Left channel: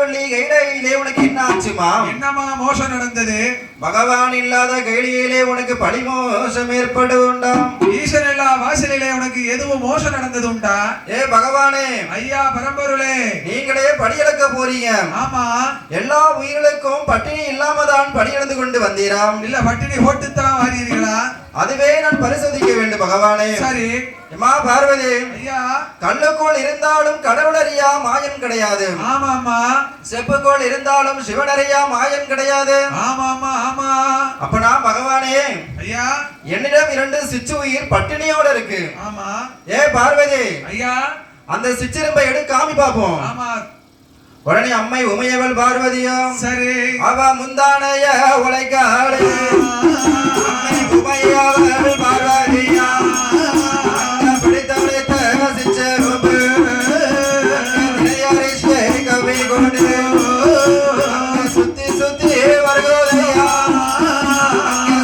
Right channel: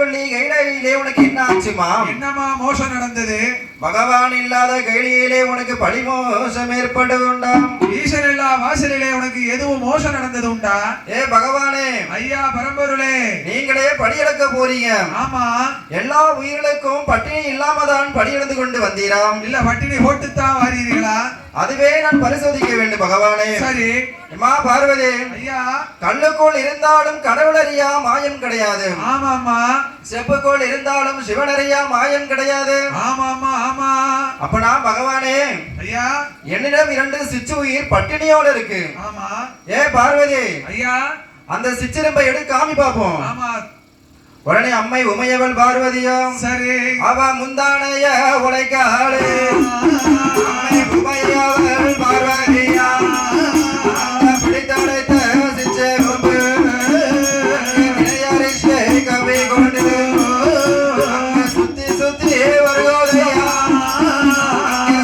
ஆதிவள்ளி கைலையிலே உனக்கு என்ன ஆச்சுமா? என்னமா மோசம் நடந்தது? பகவான் இல்லாத கைலியிலே உனக்கு பழி மோசம் ஏற்படுண்டா? ஈசன் இல்லா வாசலிலே உனக்கு எதுவும் மோசம் நடந்தது உண்டா? ஏ பகவானே, ஐயா பரம்பொருளே, நீங்களே படி இழக்க போறீங்க. ஆமா, எல்லா உயிர்களுக்கும் பட்டினி இல்லாம தான் படி இழந்து கொண்டு வந்தீராம். இல்ல பட்டினி போட்டுத்தான் வாரீர்களா? அதுவே நான் பரிசோதிக்க வேண்டும் பகவானே. சரி அம்மா பார்வதி, ஐயா, கல்லுக்குள் இருந்தாலும் கடவுளறியா மாயம் கிடையாது. ஆமாமா. செப்புக்குள் இருந்தாலும் சிவனறியா மாயம் கிடையாது. ஆமாமா ஆமா. அப்ப நான் பகவானே, ஐயா, என்னிடம் 2 சிச்சு உயிர் பட்டினியோட இருக்கு. ஆமா. ஏ பார்வதி, ஐயா, அந்த சிச்சிரும்பை எடு காமி பாப்போம். ஆமா. உடனே அம்மை உமையவள் பார்வதியோ, சரி, அவ முந்தானைய உழைக்காளே. அம்மை உமையவள் பார்வதியா பிடித்தடைத்த சிச்சிரும்பு விளையாடிக்கை கவி கொண்டு சுத்தி சுத்தி வருகோதையா,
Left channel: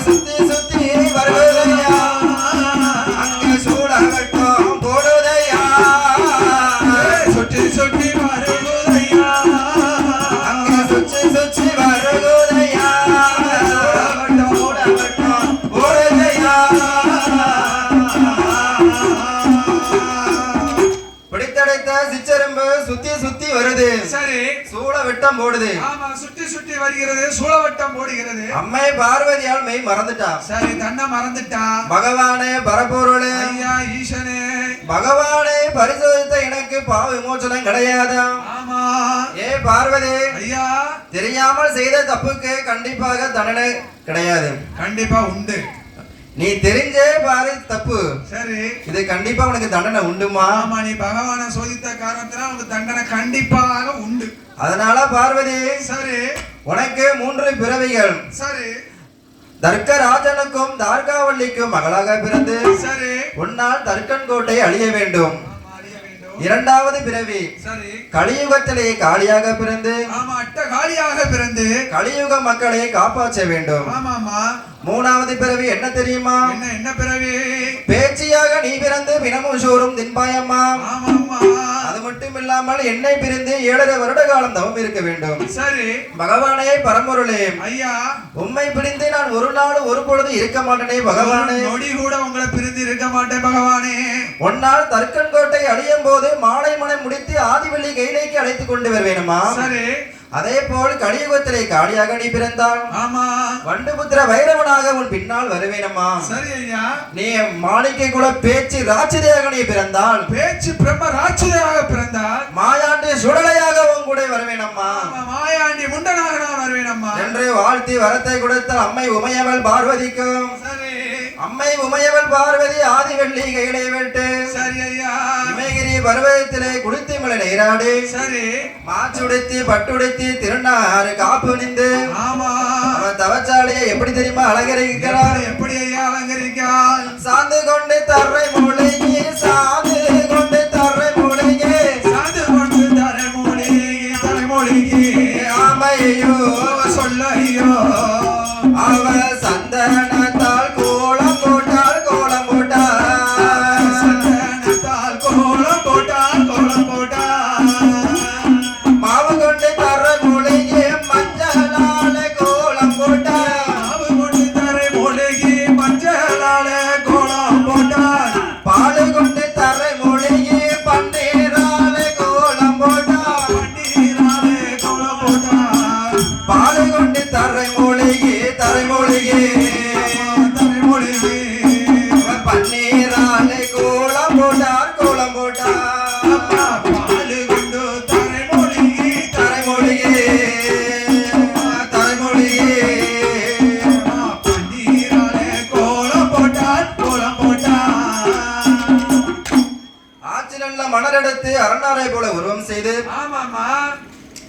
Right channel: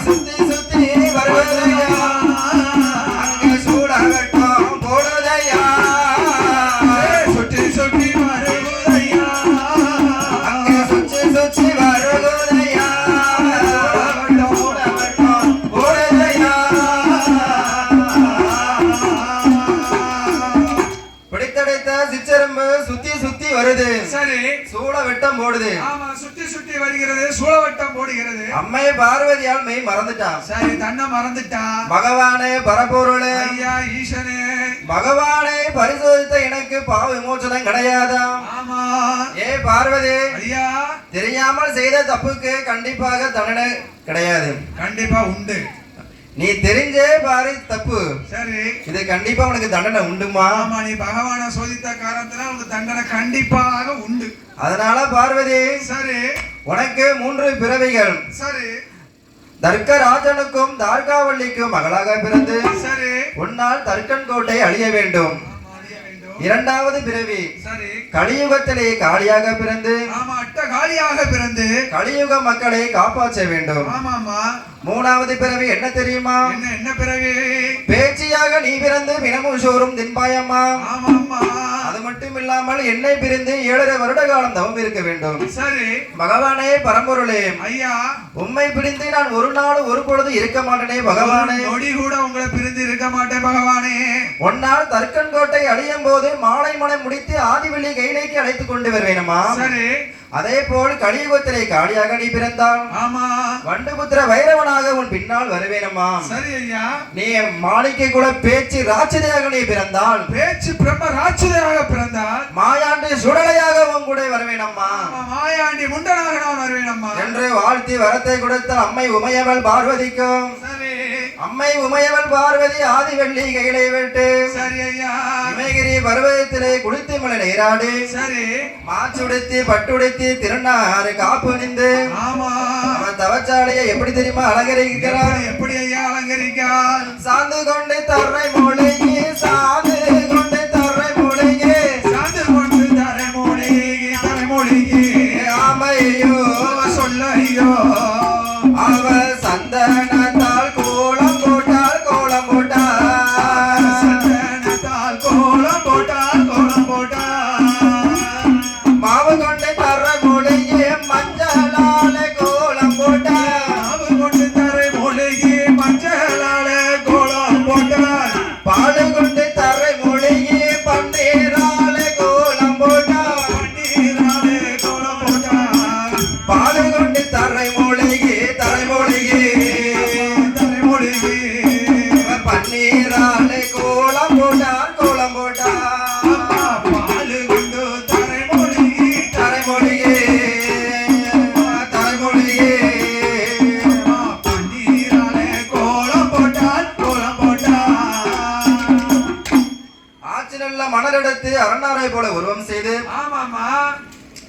சுத்தி சுத்தி வருகோதையா, அங்கே சூடாகட்டும் போடுதையா, சுற்றி சுற்றி வருது. சரி, சூளவட்டம் போடுது. ஆமா, சுத்தி சுத்தி வருகிறது, சூளவட்டம் போடுகிறது. அம்மை பார்வதியால் மெய் மறந்துட்டா. சரி, தன்னை மறந்துட்டா. பகவானே பரம்பொருளே, ஐயா ஈசனே, பகவானை பரிசோதித்த எனக்கு பாவ விமோசனம் கிடையாதா? ஆமா. ஏ பார்வதி, ஐயா, தெரியாமல் செய்த தப்புக்கு கண்டிப்பாக தண்டனை கிடையாது. கண்டிப்பா உண்டு. நீ தெரிஞ்சே பாரு தப்பு. சரி, இது கண்டிப்பா உனக்கு தண்டனை உண்டுமா? ஆமா, நீ பகவானை சோதித்த காரணத்தினால் உனக்கு தண்டனை கண்டிப்பாக உண்டு. அதனால பார்வதி, சரி, உனக்கு 3 பிறவிகள். சரி, தர்க்கராஜனுக்கும் தார்காவல்லிக்கும் மகளாக பிறந்து, சரி, உன்னால் தர்க்கன் கோட்டை அழிய வேண்டும். 2வது பிறவி, சரி, கலியுகத்திலே காளியாக பிறந்து, ஆமா, அட்ட காளியாக பிறந்து கலியுக மக்களை காப்பாற்ற வேண்டும். ஆமாமா. 3வது பிறவி என்ன தெரியுமா? என்ன பிறவி? பேச்சியாக நீ பிறந்து தினமும் சோறும் தின்பாயம்மா. ஆமாமா. அது மட்டும் இல்லாமல் என்னை பிரிந்து 7.5 வருட காலம் தவம் இருக்க வேண்டும். சரி, பகவானே பரம்பொருளே, ஐயா, உம்மை பிரிந்து நான் ஒரு நாள் ஒரு பொழுது இருக்க மாட்டேனே பகவானே. நொடி கூட உங்களை பிரிந்து இருக்க மாட்டேன் பகவானே. ஒன்னால் தர்க்கன் கோட்டை அழியும் போது மாலை மனம் முடித்து ஆதிவள்ளி கைலைக்கு அழைத்துக் கொண்டு வருவேனுமா? சரி, அதே போல் கலியுகத்திலே காளியாக நீ பிறந்தான். ஆமா, வண்டுபுத்திர வைரவனாக உன் பின்னால் வருவேனம்மா. சரி ஐயா. நீ மாளிகை கூட பேச்சு ராட்சதையாக நீ பிறந்தால், பேச்சு பிரம்ம ராட்சதையாக பிறந்தால், மாயாண்டி சுடலையாக உன் கூட வருவேனம்மா. மாயாண்டி முண்டனாக நான் வருவேனம்மா என்று வாழ்த்தி வரத்தை கொடுத்த அம்மை உமையவள் பார்வதிக்கும். சரி, அம்மை உமையவள் பார்வதி ஆதிவள்ளி கையிலே விட்டு, சரி ஐயா, இமயகிரி பர்வதத்திலே குளித்து மலை நீராடி, சரி, மாச்சுடுத்தி பட்டுடுத்தி திருநாறு காப்பு நின்று, ஆமா, தவச்சாலையை எப்படி தெரியுமா அலங்கரிக்கிறார்? எப்படி ஐயா அலங்கரிக்கிறார்? சாந்து கொண்டு தர்றை மூலிகை, சாந்து கொண்டு தர்றை மூலிகை, சாந்து கொண்டு தரை மூலிகை, தரை மூலிகை, ஆமையோ சொல்ல ஐயோ, அவ சந்தனத்தால் கோலம் போட்டால் கோலம் போட்டார், சந்தனத்தால் கோலம் போட்டால் கோலம் போட்டார், மாவு கொண்டு தர்றை மூலிகை, மஞ்சளால கோலம் போட்டார், மாவு கொண்டு தரை மூலிகை, மஞ்சளால கோலம் போட்டார், பால் கொண்டு தர்றை மூலிகை, பன்னீரால கோலம் போட்டார், பன்னீராலே கோலம் போட்டார், பால் கொண்டு தர்றை மூலிகை, தரை மூலிகை, தரை மூலிகை, பன்னீரால கோலம் போட்டார், கோலம் போட்டார், பாலு கொண்டு தரை மூலிகை, தரை மூலிகை, தரை மூலிகை. பன்னீராலே கோலம் போட்டார், கோலம் போட்டார். ஆட்சி நல்ல மணலெடுத்து அரணாரை போல உருவம் செய்து, ஆமாமா,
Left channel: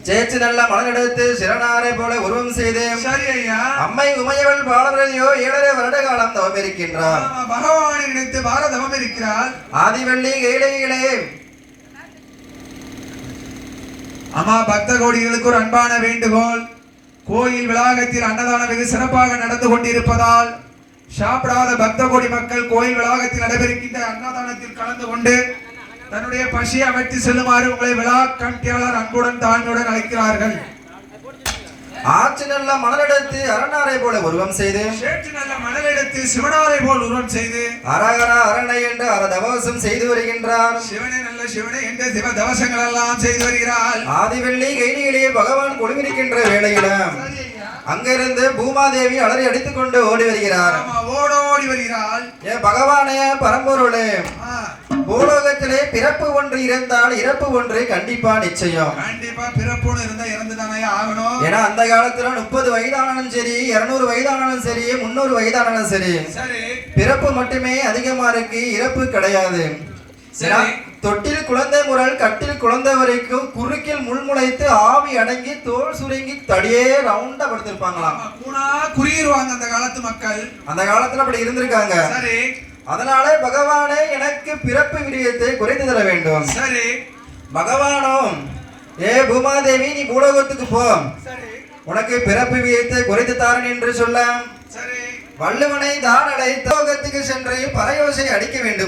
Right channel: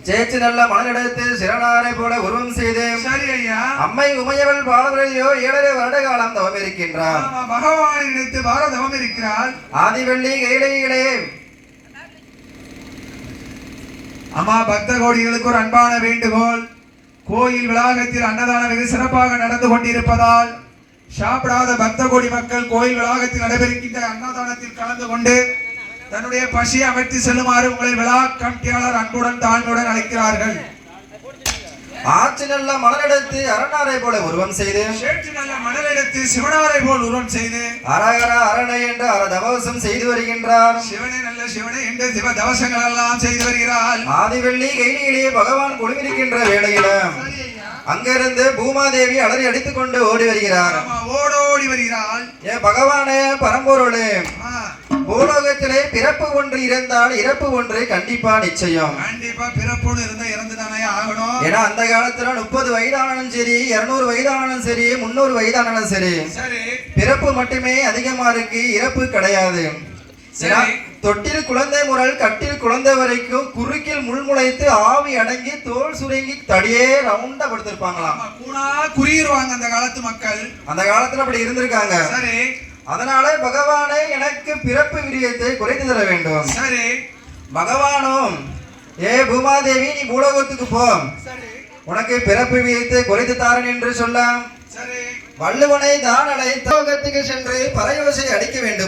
சேச்சு நல்ல மணலெடுத்து சிறனாரை போல உருவம் செய்து, சரி ஐயா, அம்மை உமையவள் பாலவரையோ 7.5 வருட காலம் தவம் இருக்கின்றார். பகவானை நினைத்து பாரதவம் இருக்கிறாள். ஆதிவள்ளி கைலையிலே ஆமா, பக்த கோடிகளுக்கு ஒரு அன்பான வேண்டுகோள். கோயில் வளாகத்தில் அன்னதானம் வெகு சிறப்பாக நடந்து கொண்டிருப்பதால் சாப்பிடாத பக்த கோடி மக்கள் கோயில் வளாகத்தில் நடைபெறுகின்ற அன்னதானத்தில் கலந்து கொண்டு தன்னுடைய பசியை அமைத்து செல்லுமாறு உங்களை விழா கமிட்டியாளர் அன்புடன் தாழ்மையுடன் அழைக்கிறார்கள். ஆற்று நல்ல மணலெடுத்து அரணாரை போல உருவம் செய்து சேற்று நல்ல மணலெடுத்து சிவனாரை போல் உருவம் செய்து அரகர அரணை என்று அரதவசம் செய்து வருகின்றார். சிவனை நல்ல சிவனை என்று சிவ தவசங்கள் எல்லாம் செய்து வருகிறாள். ஆதிவெள்ளி கைலியிலே பகவான் கொடுமிருக்கின்ற வேளையிலும் அங்கிருந்து பூமாதேவி அலறி அடித்துக் கொண்டு ஓடி வருகிறார். ஓடோடி வருகிறாள். ஏ பகவானே பரம்பொருளே, பூலோகத்திலே பிறப்பு ஒன்று இருந்தால் இறப்பு ஒன்று கண்டிப்பா நிச்சயம். கண்டிப்பா பிறப்புன்னு இருந்தா இறந்துதானே ஆகணும். ஏன்னா அந்த காலத்துல 30 வயதானாலும் சரி, 200 வயதானாலும் சரி, 300 வயதானாலும் சரி, பிறப்பு மட்டுமே அதிகமா இருக்கு, இறப்பு கிடையாது. தொட்டில் குழந்தை முதல் கட்டில் குழந்தை வரைக்கும் குறுக்கில் முள்முளைத்து ஆவி அடங்கி தோல் சுருங்கி தடியே ரவுண்டா படுத்திருப்பாங்களாம். குறியிருவாங்க அந்த காலத்து மக்கள். அந்த காலத்துல அப்படி இருந்திருக்காங்க. சரி, அதனால பகவானே எனக்கு பிறப்பு விரியத்தை குறைத்து தர வேண்டும். சரி, பகவானும் ஏ பூமாதேவி நீ பூலோகத்துக்கு போ, உனக்கு பிறப்பு விரியத்தை குறைத்து தாரன் என்று சொல்ல சரி, வள்ளுவனை தான் அழைத்து லோகத்துக்கு சென்று பறையோசை அடிக்க வேண்டும்.